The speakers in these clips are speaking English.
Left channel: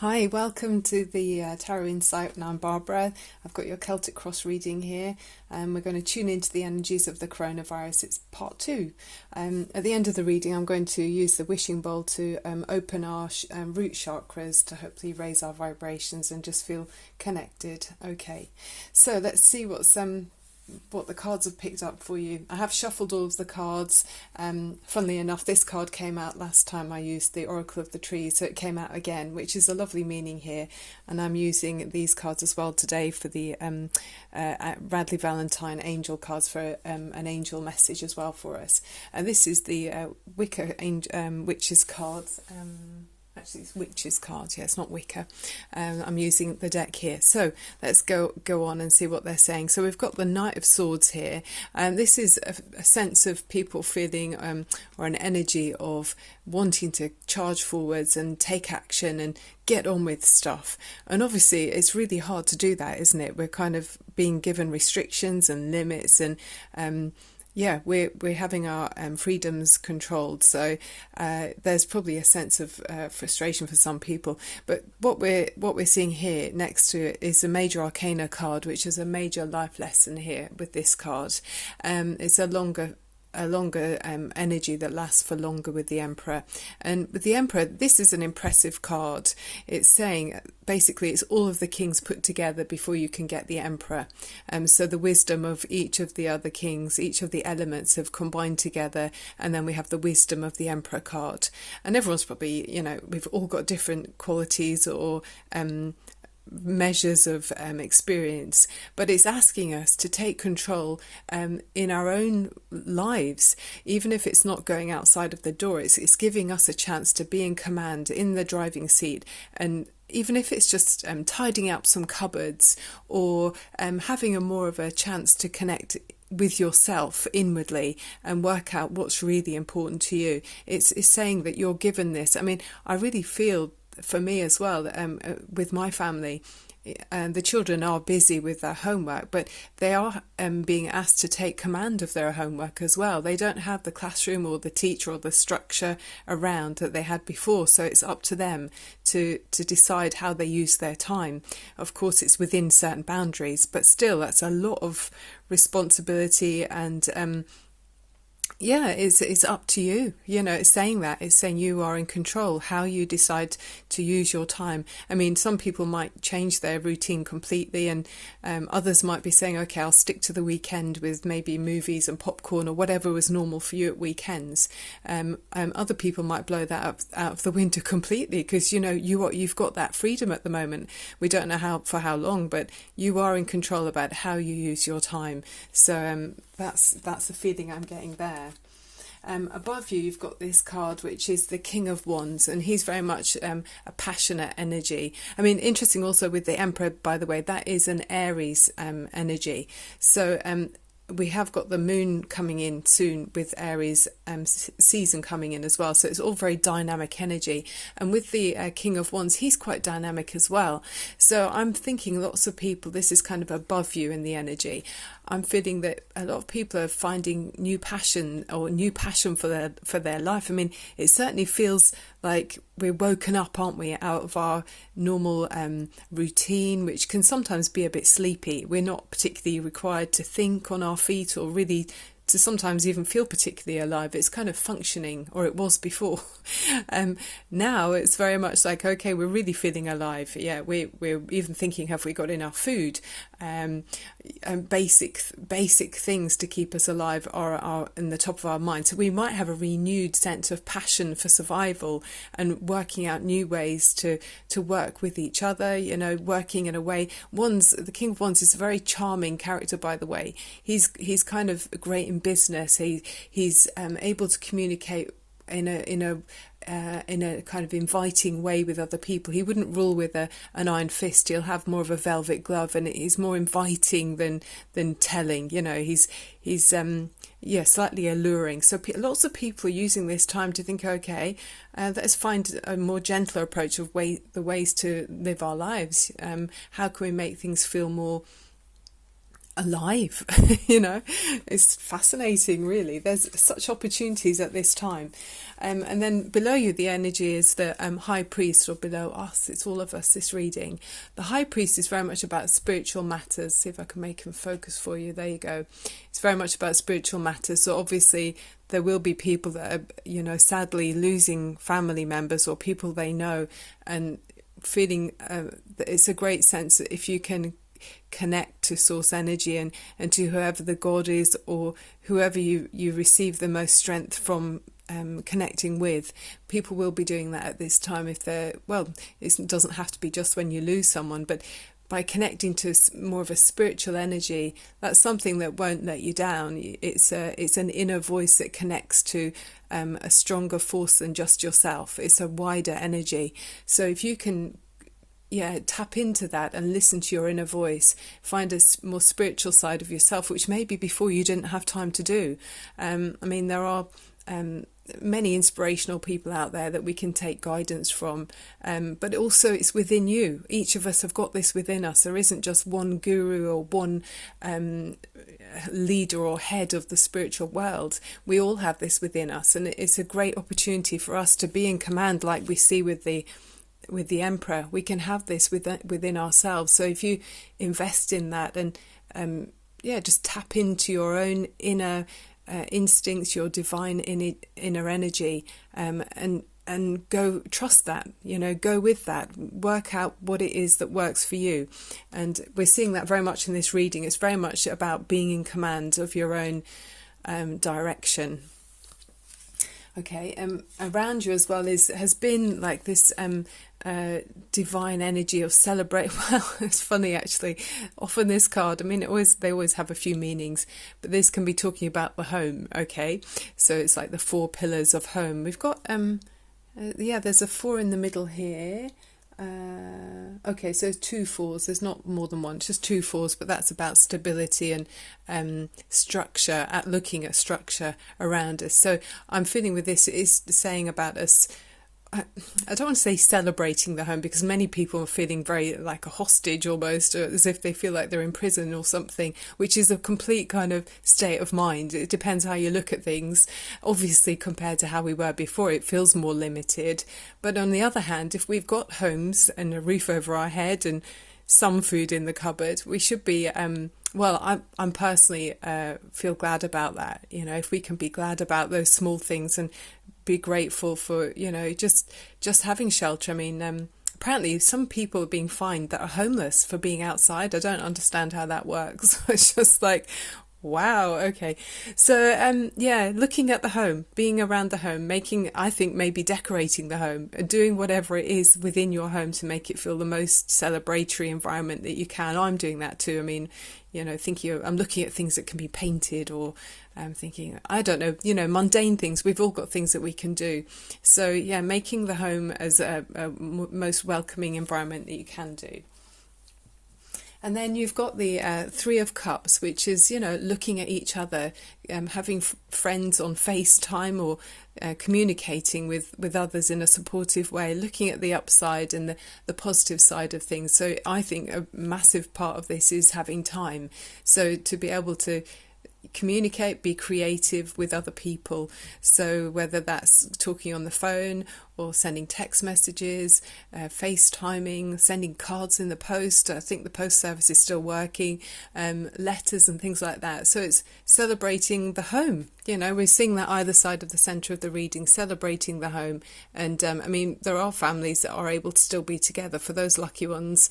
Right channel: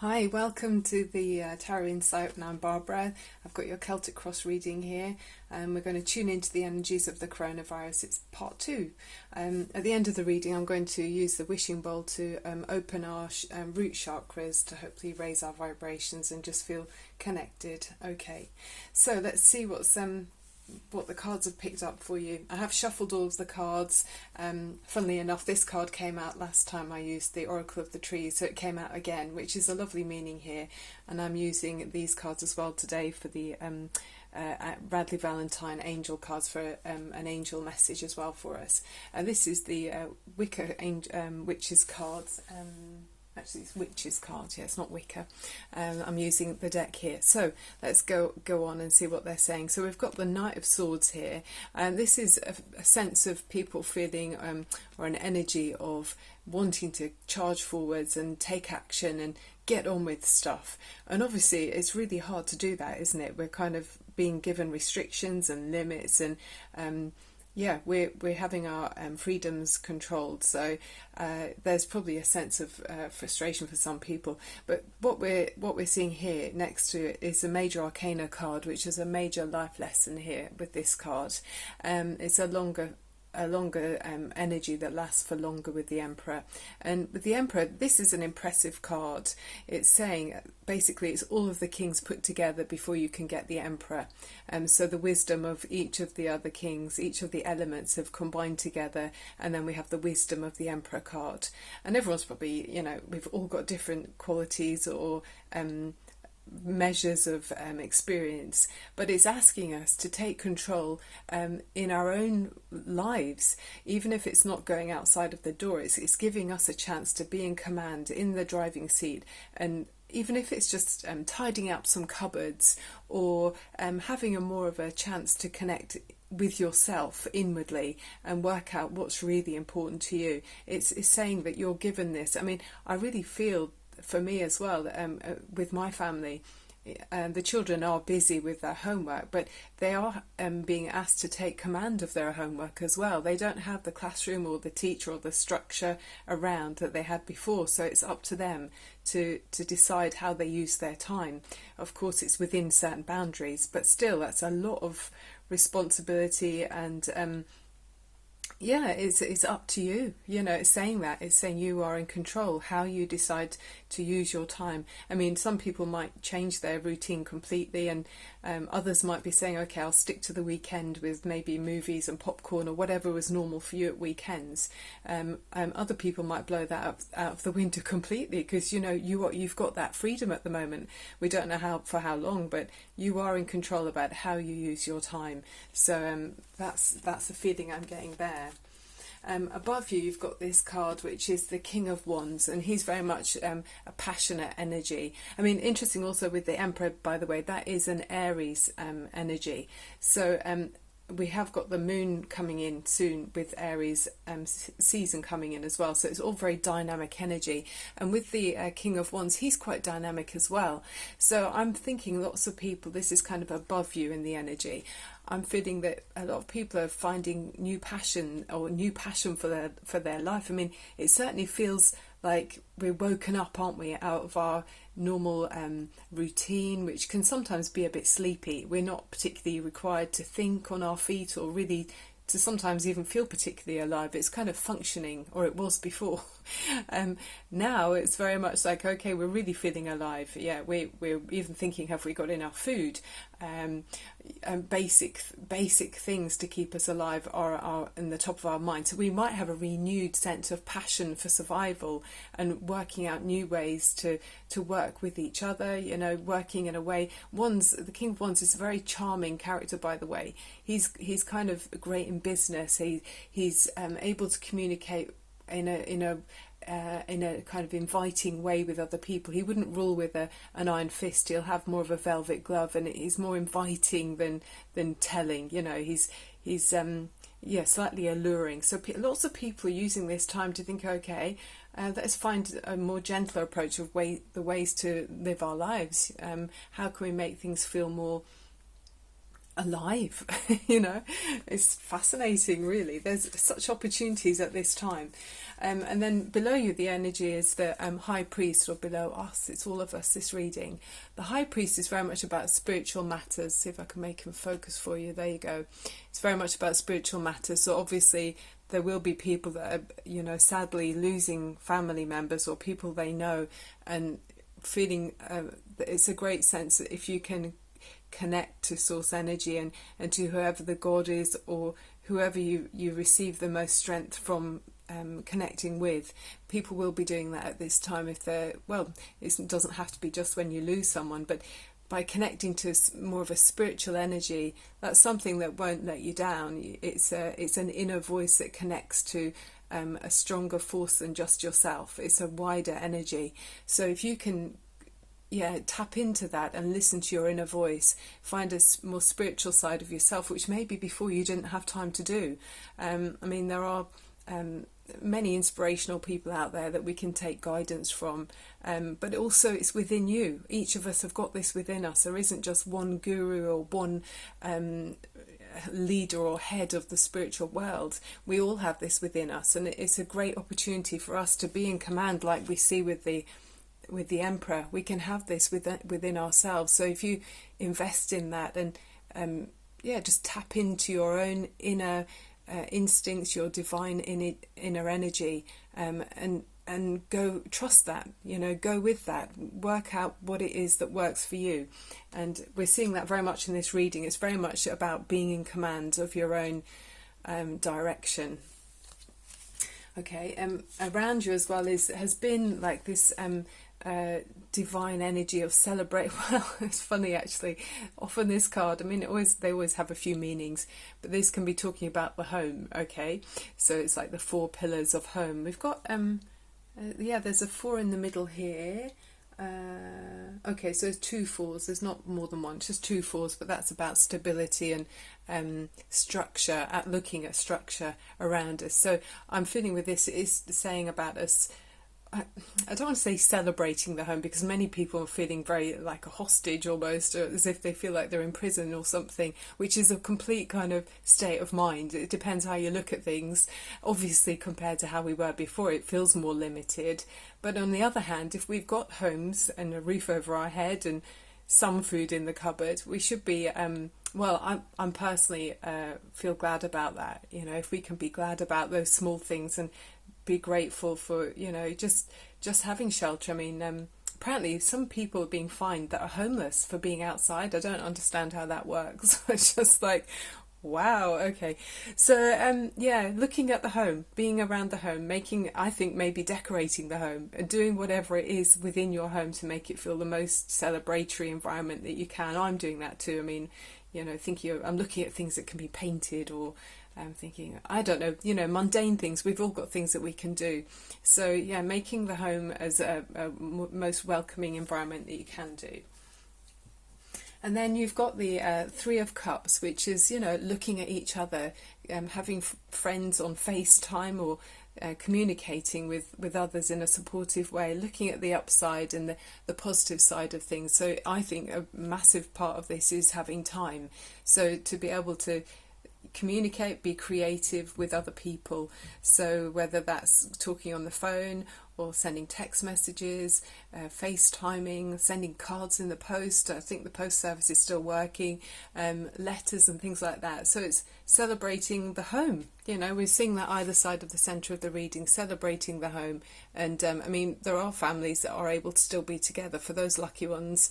Hi, welcome to the Tarot Insight, and I'm Barbara. I've got your Celtic Cross reading here, and we're going to tune into the energies of the coronavirus. It's part two. At the end of the reading, I'm going to use the wishing bowl to open our root chakras to hopefully raise our vibrations and just feel connected. Okay, so let's see what the cards have picked up for you. I have shuffled all of the cards. Funnily enough, this card came out last time I used the Oracle of the Trees, so it came out again, which is a lovely meaning here. And I'm using these cards as well today for the Radley Valentine angel cards for an angel message as well for us. And this is the Wicca Witches cards. Actually, it's Witches cards. Yeah, it's not Wicca. I'm using the deck here. So let's go on and see what they're saying. So we've got the Knight of Swords here, and this is a sense of people feeling or an energy of wanting to charge forwards and take action and get on with stuff. And obviously, it's really hard to do that, isn't it? We're kind of being given restrictions and limits, and yeah, we're having our freedoms controlled, so there's probably a sense of frustration for some people. But what we're seeing here next to it is a major arcana card, which is a major life lesson here with this card. It's a longer energy that lasts for longer with the Emperor. And with the Emperor, this is an impressive card. It's saying basically it's all of the kings put together before you can get the Emperor. So the wisdom of each of the other kings, each of the elements have combined together, and then we have the wisdom of the Emperor card. And everyone's probably, we've all got different qualities or measures of experience, but it's asking us to take control in our own lives, even if it's not going outside of the door. It's giving us a chance to be in command, in the driving seat, and even if it's just tidying up some cupboards or having a more of a chance to connect with yourself inwardly and work out what's really important to you. It's saying that you're given this. I mean, I really feel for me as well, with my family, the children are busy with their homework, but they are being asked to take command of their homework as well. They don't have the classroom or the teacher or the structure around that they had before, so it's up to them to decide how they use their time. Of course, it's within certain boundaries, but still, that's a lot of responsibility, and yeah, it's up to you. It's saying that. It's saying you are in control, how you decide to use your time. I mean, some people might change their routine completely, and others might be saying, okay, I'll stick to the weekend with maybe movies and popcorn or whatever was normal for you at weekends. Other people might blow that out of the window completely because, you've got that freedom at the moment. We don't know for how long, but you are in control about how you use your time. So that's the feeling I'm getting there. Above you, you've got this card, which is the King of Wands, and he's very much a passionate energy. I mean, interesting also with the Emperor, by the way, that is an Aries energy. So we have got the moon coming in soon with Aries season coming in as well. So it's all very dynamic energy. And with the King of Wands, he's quite dynamic as well. So I'm thinking lots of people, this is kind of above you in the energy. I'm feeling that a lot of people are finding new passion for their life. I mean, it certainly feels like we're woken up, aren't we, out of our normal routine, which can sometimes be a bit sleepy. We're not particularly required to think on our feet or really to sometimes even feel particularly alive. It's kind of functioning, or it was before. Now it's very much like, okay, we're really feeling alive. Yeah, we're even thinking, have we got enough food? And basic things to keep us alive are in the top of our mind. So we might have a renewed sense of passion for survival and working out new ways to work with each other, working in a way. The King of Wands is a very charming character, by the way. He's kind of great in business. He's able to communicate in a kind of inviting way with other people. He wouldn't rule with an iron fist. He'll have more of a velvet glove, and he's more inviting than telling. He's slightly alluring. So lots of people are using this time to think, okay, let's find a more gentler approach of the ways to live our lives. How can we make things feel more alive. It's fascinating, really. There's such opportunities at this time. And then below you, the energy is the high priest, or below us, it's all of us, this reading. The high priest is very much about spiritual matters. See if I can make him focus for you. There you go. It's very much about spiritual matters. So obviously there will be people that are, sadly losing family members or people they know, and feeling that it's a great sense that if you can connect to source energy and to whoever the God is, or whoever you receive the most strength from connecting with, people will be doing that at this time. If they're, well, it doesn't have to be just when you lose someone, but by connecting to more of a spiritual energy, that's something that won't let you down. It's an inner voice that connects to a stronger force than just yourself. It's a wider energy. So if you can tap into that and listen to your inner voice, find a more spiritual side of yourself, which maybe before you didn't have time to do. There are many inspirational people out there that we can take guidance from, but also it's within you. Each of us have got this within us. There isn't just one guru or one leader or head of the spiritual world. We all have this within us, and it's a great opportunity for us to be in command, like we see with the emperor. We can have this within ourselves. So if you invest in that and just tap into your own inner instincts, your divine inner energy, and go trust that, go with that, work out what it is that works for you. And we're seeing that very much in this reading. It's very much about being in command of your own direction. Okay, around you as well has been like this divine energy of celebrate. Well, it's funny actually. Often this card, they always have a few meanings, but this can be talking about the home. Okay, so it's like the 4 pillars of home. We've got there's a 4 in the middle here. Okay, so 2 4s. There's not more than one, it's just 2 4s, but that's about stability and structure, looking at structure around us. So I'm feeling with this, it is saying about us, I don't want to say celebrating the home, because many people are feeling very like a hostage almost, or as if they feel like they're in prison or something, which is a complete kind of state of mind. It depends how you look at things. Obviously, compared to how we were before, it feels more limited. But on the other hand, if we've got homes and a roof over our head and some food in the cupboard, we should be I'm personally feel glad about that. If we can be glad about those small things and be grateful for just having shelter. Apparently some people are being fined that are homeless for being outside. I don't understand how that works. It's just like, wow, okay. So looking at the home, being around the home, maybe decorating the home, doing whatever it is within your home to make it feel the most celebratory environment that you can. I'm doing that too. I'm looking at things that can be painted, or I'm thinking, I don't know, mundane things. We've all got things that we can do. So making the home as a most welcoming environment that you can do. And then you've got the 3 of Cups, which is, looking at each other, having friends on FaceTime, or communicating with others in a supportive way, looking at the upside and the positive side of things. So I think a massive part of this is having time. So to be able to communicate, be creative with other people. So whether that's talking on the phone or sending text messages, FaceTiming, sending cards in the post. I think the post service is still working, letters and things like that. So it's celebrating the home. We're seeing that either side of the centre of the reading, celebrating the home. And there are families that are able to still be together. For those lucky ones,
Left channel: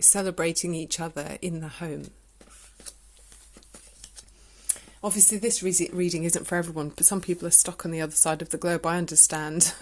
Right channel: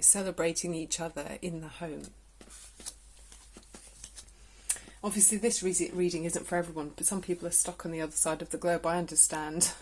celebrating each other in the home. Obviously, this reading isn't for everyone, but some people are stuck on the other side of the globe, I understand.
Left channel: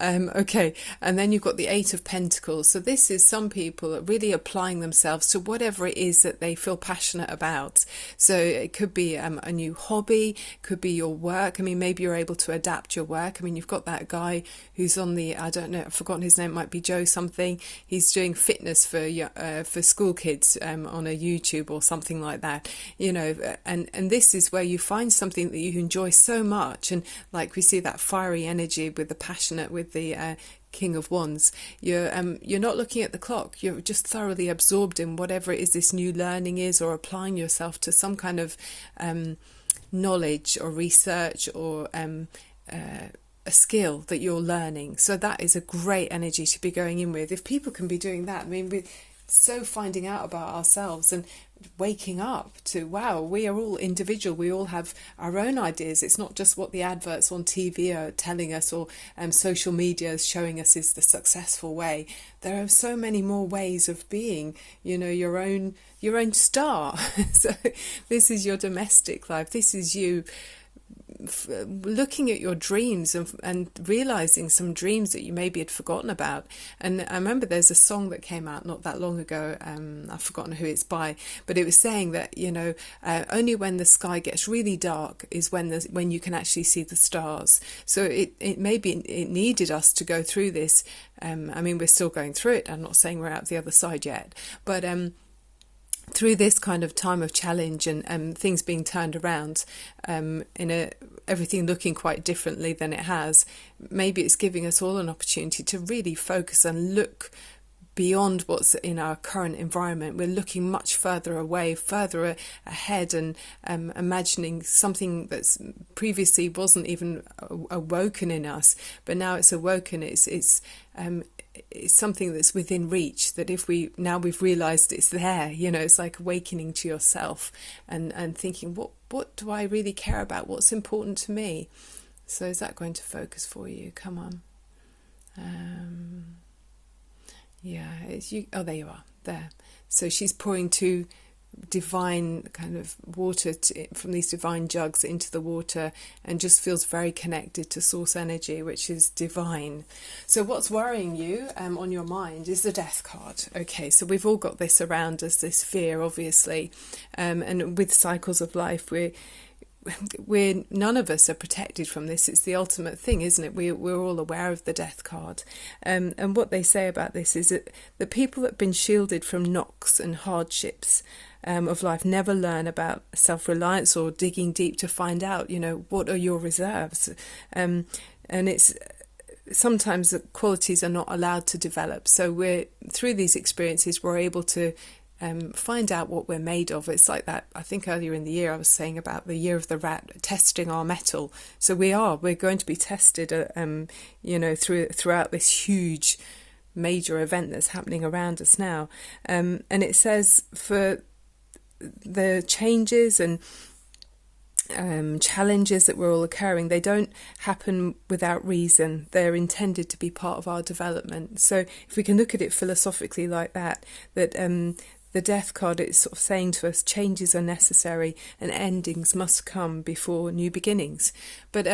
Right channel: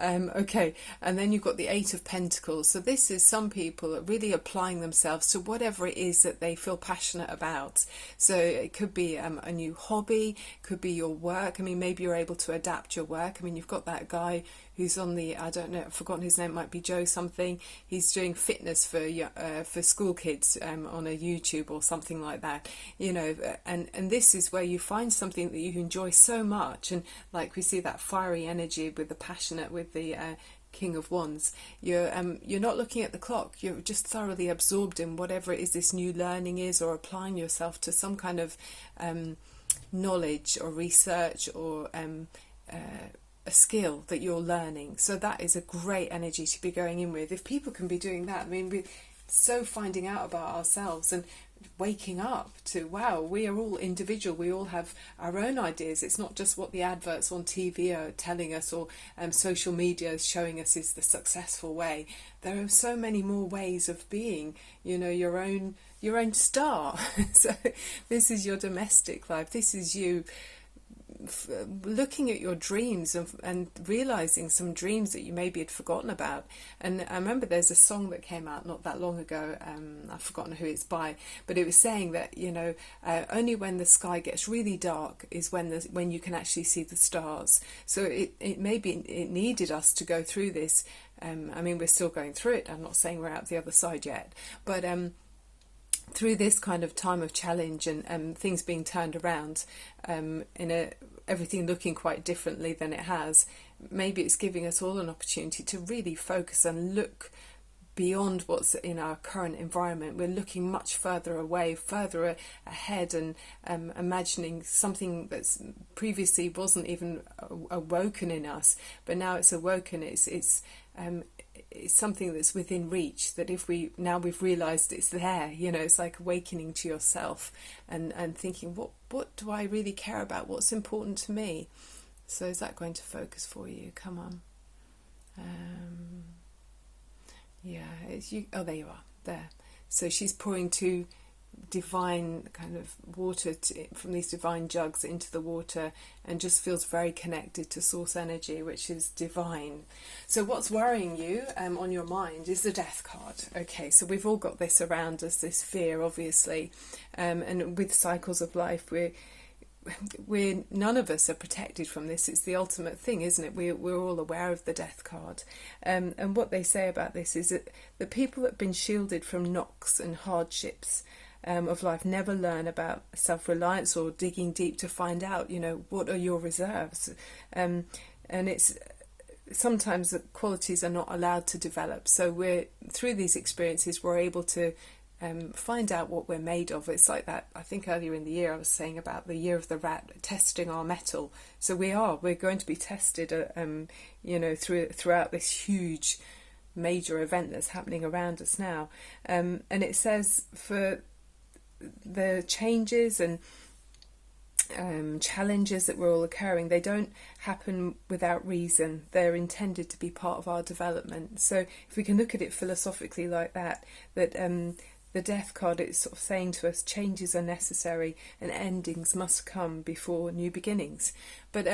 Okay, and then you've got the 8 of Pentacles. So this is some people really applying themselves to whatever it is that they feel passionate about. So it could be a new hobby, could be your work. Maybe you're able to adapt your work. You've got that guy who's on the, I don't know, I've forgotten his name, it might be Joe something. He's doing fitness for school kids on a YouTube or something like that. And this is where you find something that you enjoy so much, and like we see that fiery energy with the passionate, with the King of Wands, you're not looking at the clock, you're just thoroughly absorbed in whatever it is this new learning is, or applying yourself to some kind of knowledge or research, or a skill that you're learning. So that is a great energy to be going in with. If people can be doing that, I mean, we're so finding out about ourselves and waking up to, wow, we are all individual, we all have our own ideas. It's not just what the adverts on TV are telling us, or social media is showing us is the successful way. There are so many more ways of being, your own star. So this is your domestic life, this is you looking at your dreams and realizing some dreams that you maybe had forgotten about. And I remember there's a song that came out not that long ago, I've forgotten who it's by, but it was saying that only when the sky gets really dark is when you can actually see the stars. So it needed us to go through this. I mean, we're still going through it, I'm not saying we're out the other side yet, but through this kind of time of challenge and things being turned around, everything looking quite differently than it has, maybe it's giving us all an opportunity to really focus and look beyond what's in our current environment. We're looking much further away, further ahead, and imagining something that's previously wasn't even awoken in us, but now it's awoken. It's something that's within reach, that if we've realized it's there, it's like awakening to yourself and thinking, what do I really care about, what's important to me. So is that going to focus for you? Come on. It's you. Oh, there you are, there. So she's pouring two divine kind of water from these divine jugs into the water, and just feels very connected to source energy, which is divine. So what's worrying you on your mind is the Death card. Okay, so we've all got this around us, this fear, obviously, and with cycles of life, we're none of us are protected from this. It's the ultimate thing, isn't it? We're all aware of the Death card, and what they say about this is that the people that have been shielded from knocks and hardships of life never learn about self-reliance or digging deep to find out, what are your reserves, and it's sometimes the qualities are not allowed to develop. So we're through these experiences, we're able to find out what we're made of. It's like that, I think earlier in the year I was saying about the year of the rat, testing our mettle. So we're going to be tested throughout this huge major event that's happening around us now, and it says for the changes and challenges that we're all occurring, they don't happen without reason. They're intended to be part of our development. So if we can look at it philosophically like that the Death card is sort of saying to us, changes are necessary and endings must come before new beginnings. But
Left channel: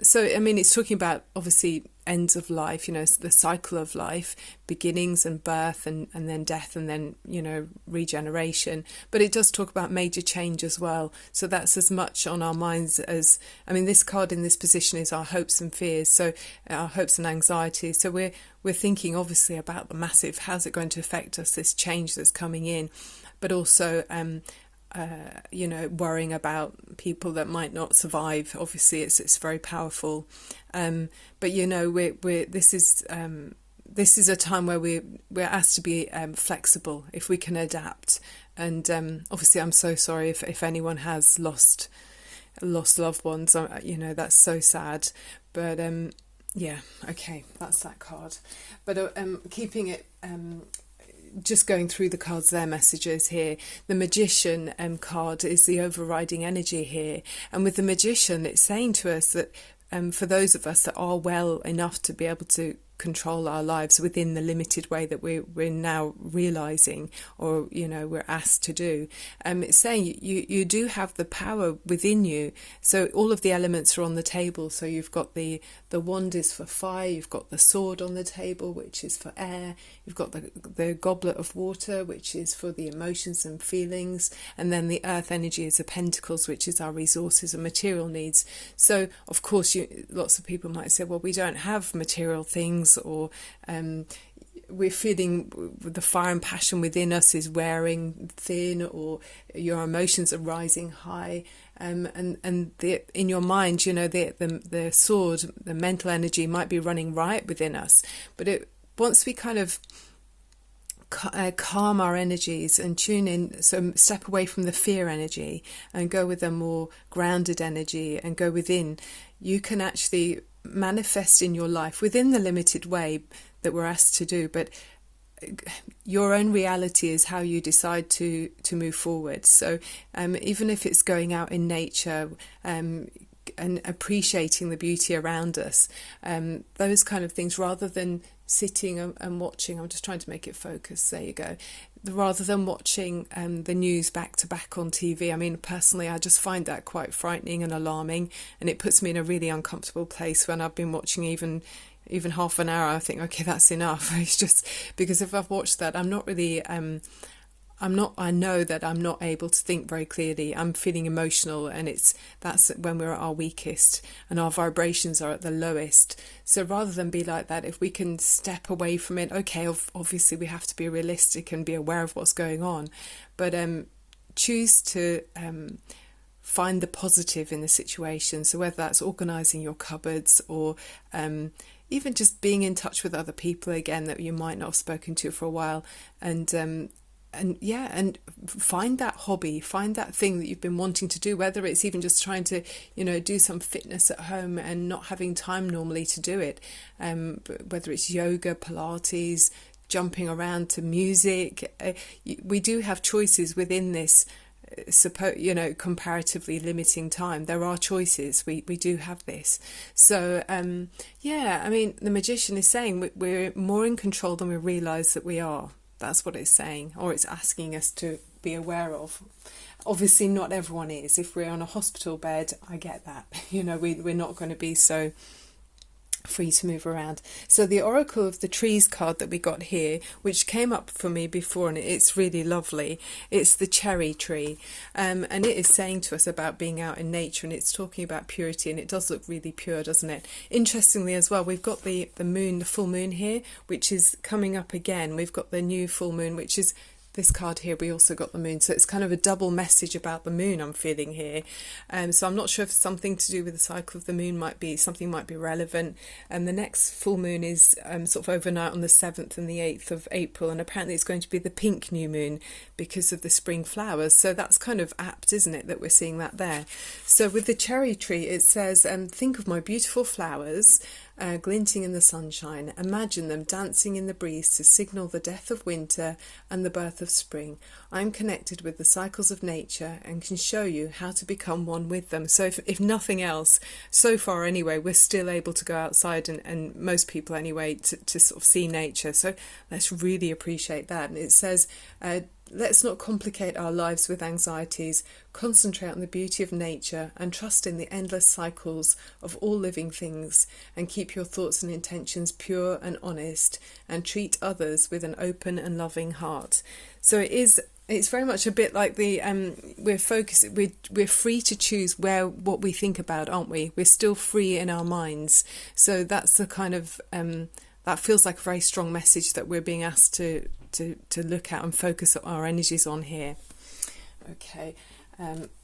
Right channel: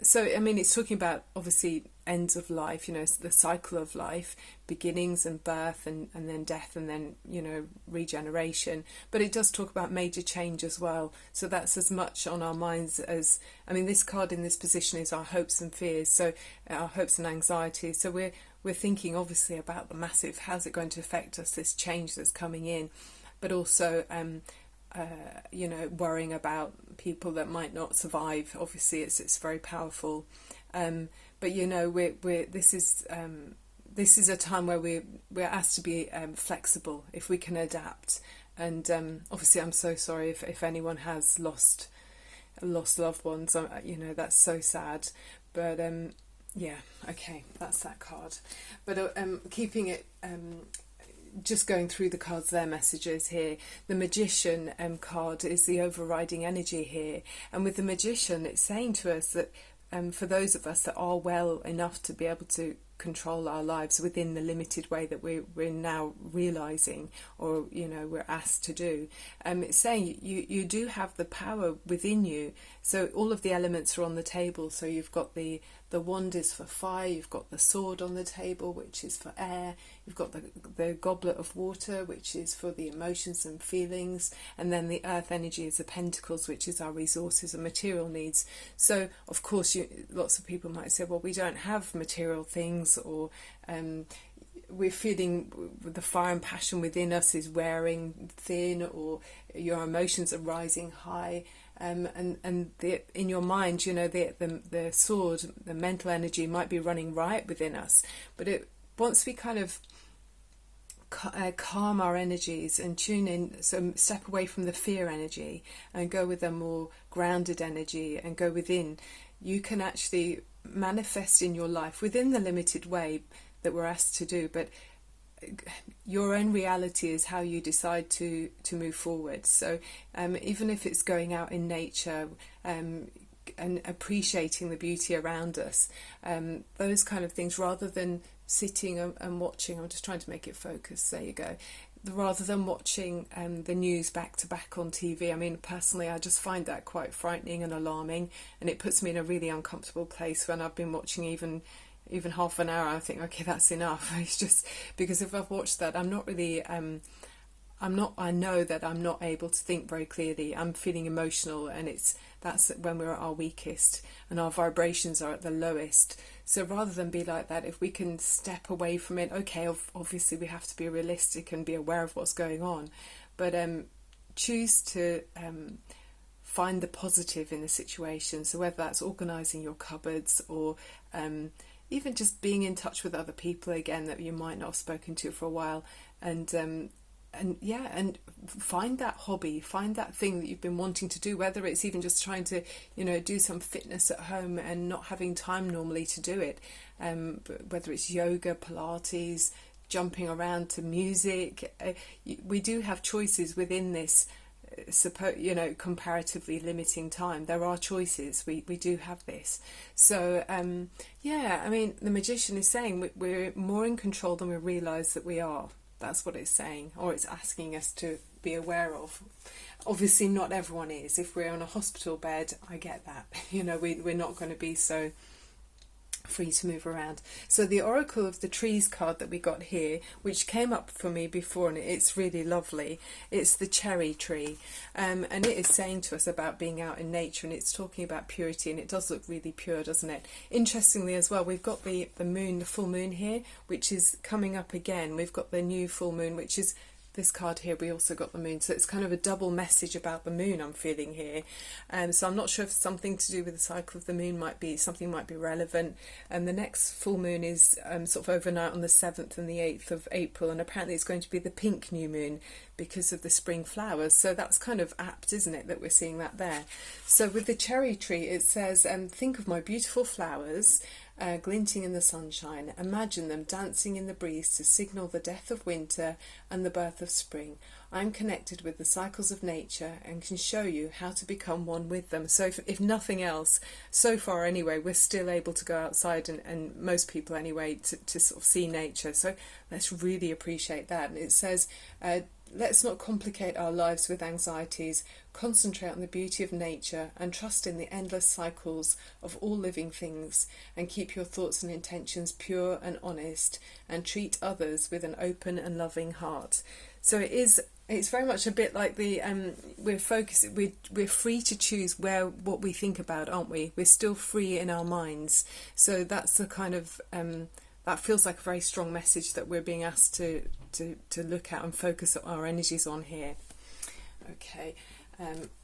so I mean, it's talking about obviously ends of life, the cycle of life, beginnings and birth, and then death, and then regeneration. But it does talk about major change as well. So that's as much on our minds as, I mean, this card in this position is our hopes and fears, so our hopes and anxieties. So we're thinking obviously about the massive, how's it going to affect us, this change that's coming in, but also worrying about people that might not survive. Obviously it's very powerful, but this is a time where we're asked to be flexible, if we can adapt. And obviously I'm so sorry if anyone has lost loved ones, that's so sad, but okay, that's that card. But keeping it, just going through the cards, their messages here. The Magician card is the overriding energy here, and with the Magician, it's saying to us that for those of us that are well enough to be able to control our lives within the limited way that we're now realizing, or we're asked to do, it's saying you do have the power within you. So all of the elements are on the table. So you've got the wand is for fire, you've got the sword on the table, which is for air, you've got the goblet of water, which is for the emotions and feelings, and then the earth energy is the pentacles, which is our resources and material needs. So of course lots of people might say, well, we don't have material things, or we're feeling the fire and passion within us is wearing thin, or your emotions are rising high. and in your mind, the sword, the mental energy might be running riot within us, but once we kind of calm our energies and tune in, so step away from the fear energy and go with a more grounded energy and go within, you can actually manifest in your life within the limited way that we're asked to do, but your own reality is how you decide to move forward. So even if it's going out in nature and appreciating the beauty around us, those kind of things, rather than sitting and watching, I'm just trying to make it focus, there you go, rather than watching the news back to back on TV. I mean, personally, I just find that quite frightening and alarming, and it puts me in a really uncomfortable place when I've been watching even half an hour. I think, okay, that's enough. It's just because if I've watched that, I'm not really I know that I'm not able to think very clearly. I'm feeling emotional, and that's when we're at our weakest and our vibrations are at the lowest. So rather than be like that, if we can step away from it, okay, obviously we have to be realistic and be aware of what's going on, but choose to find the positive in the situation. So whether that's organising your cupboards or even just being in touch with other people again that you might not have spoken to for a while, and find that hobby, find that thing that you've been wanting to do, whether it's even just trying to, do some fitness at home and not having time normally to do it, whether it's yoga, Pilates, jumping around to music. We do have choices within this comparatively limiting time. There are choices. We do have this. So the magician is saying we're more in control than we realise that we are. That's what it's saying, or it's asking us to be aware of. Obviously, not everyone is. If we're on a hospital bed, I get that. We're not going to be so free to move around. So the Oracle of the Trees card that we got here, which came up for me before, and it's really lovely. It's the cherry tree, and it is saying to us about being out in nature, and it's talking about purity, and it does look really pure, doesn't it? Interestingly as well, we've got the moon, the full moon here, which is coming up again. We've got the new full moon, which is this card here. We also got the moon, so it's kind of a double message about the moon I'm feeling here. So I'm not sure if something to do with the cycle of the moon might be relevant. And the next full moon is sort of overnight on the 7th and the 8th of April, and apparently it's going to be the pink new moon because of the spring flowers. So that's kind of apt, isn't it, that we're seeing that there. So with the cherry tree, it says, think of my beautiful flowers glinting in the sunshine. Imagine them dancing in the breeze to signal the death of winter and the birth of spring. I'm connected with the cycles of nature and can show you how to become one with them. So if nothing else, so far anyway, we're still able to go outside, and most people anyway, to sort of see nature. So let's really appreciate that. And it says, let's not complicate our lives with anxieties. Concentrate on the beauty of nature and trust in the endless cycles of all living things, and keep your thoughts and intentions pure and honest, and treat others with an open and loving heart. So it's very much a bit like the we're free to choose what we think about, aren't we? We're still free in our minds. So that's the kind of that feels like a very strong message that we're being asked to look at and focus our energies on here. Okay,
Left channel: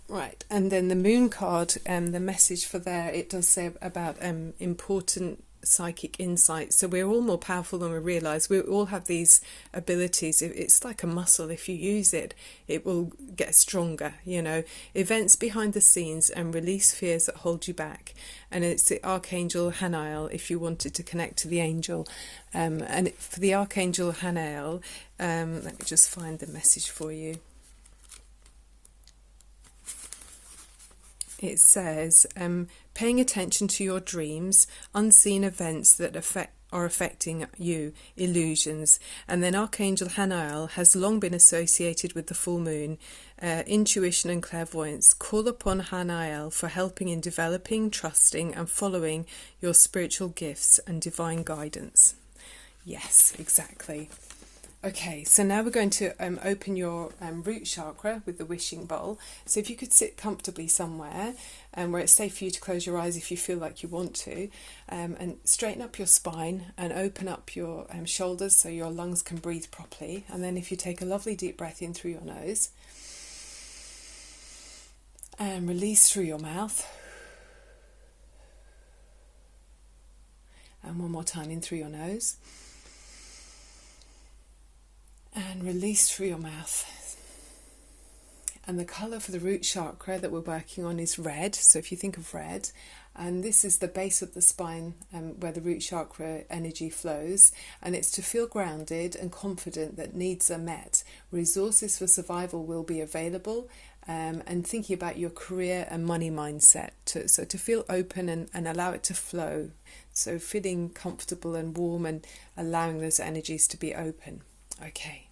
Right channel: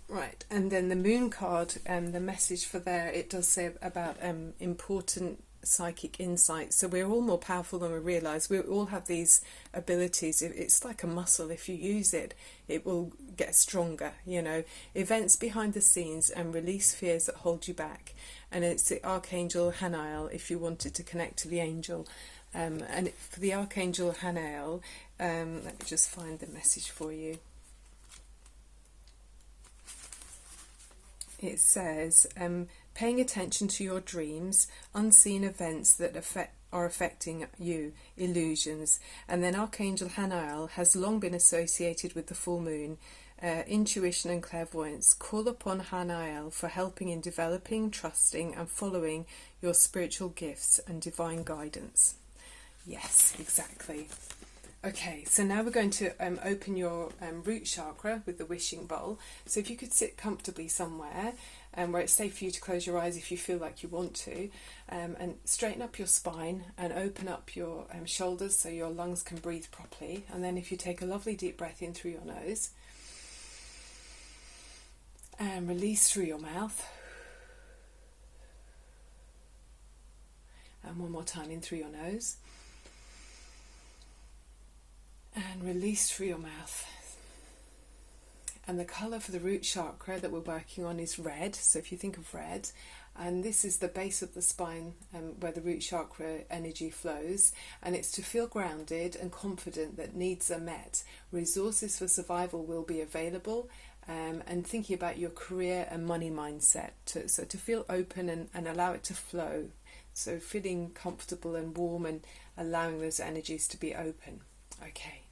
right, and then the moon card, the message for there, it does say about important psychic insight. So we're all more powerful than we realise. We all have these abilities. It's like a muscle. If you use it, it will get stronger. Events behind the scenes and release fears that hold you back. And it's the Archangel Hanael, if you wanted to connect to the angel. And for the Archangel Hanael, let me just find the message for you. It says, paying attention to your dreams, unseen events that are affecting you, illusions. And then Archangel Hanael has long been associated with the full moon, intuition and clairvoyance. Call upon Hanael for helping in developing, trusting and following your spiritual gifts and divine guidance. Yes, exactly. Okay, so now we're going to open your root chakra with the wishing bowl. So if you could sit comfortably somewhere where it's safe for you to close your eyes if you feel like you want to, and straighten up your spine and open up your shoulders so your lungs can breathe properly. And then if you take a lovely deep breath in through your nose And release through your mouth. And one more time in through your nose. And release through your mouth. And the colour for the root chakra that we're working on is red. So if you think of red, and this is the base of the spine where the root chakra energy flows, and it's to feel grounded and confident that needs are met. Resources for survival will be available, and thinking about your career and money mindset. So to feel open and allow it to flow. So feeling comfortable and warm and allowing those energies to be open. Okay.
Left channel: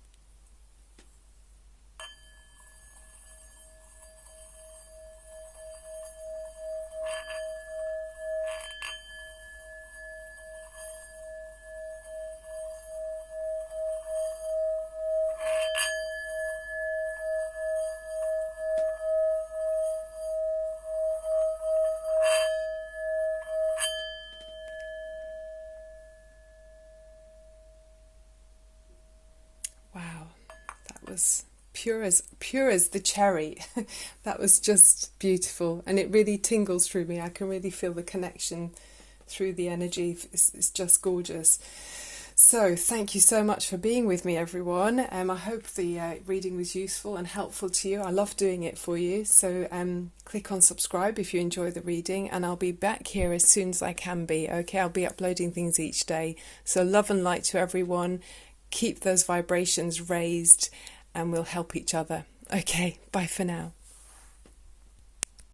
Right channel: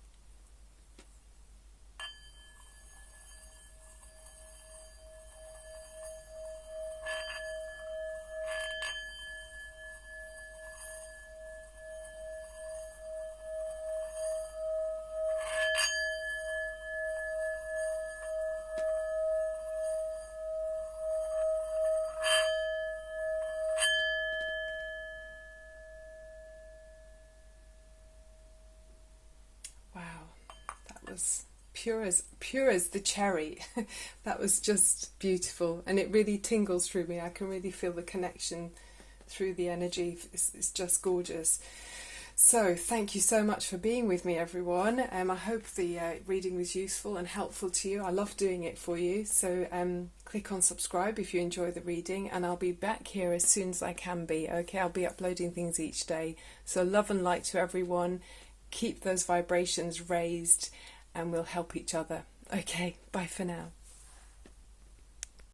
Wow, that was pure as the cherry. That was just beautiful, and it really tingles through me. I can really feel the connection through the energy. It's just gorgeous. So thank you so much for being with me, everyone. I hope the reading was useful and helpful to you. I love doing it for you. So click on subscribe if you enjoy the reading, and I'll be back here as soon as I can be. Okay, I'll be uploading things each day. So love and light to everyone. Keep those vibrations raised, and we'll help each other. Okay, bye for now.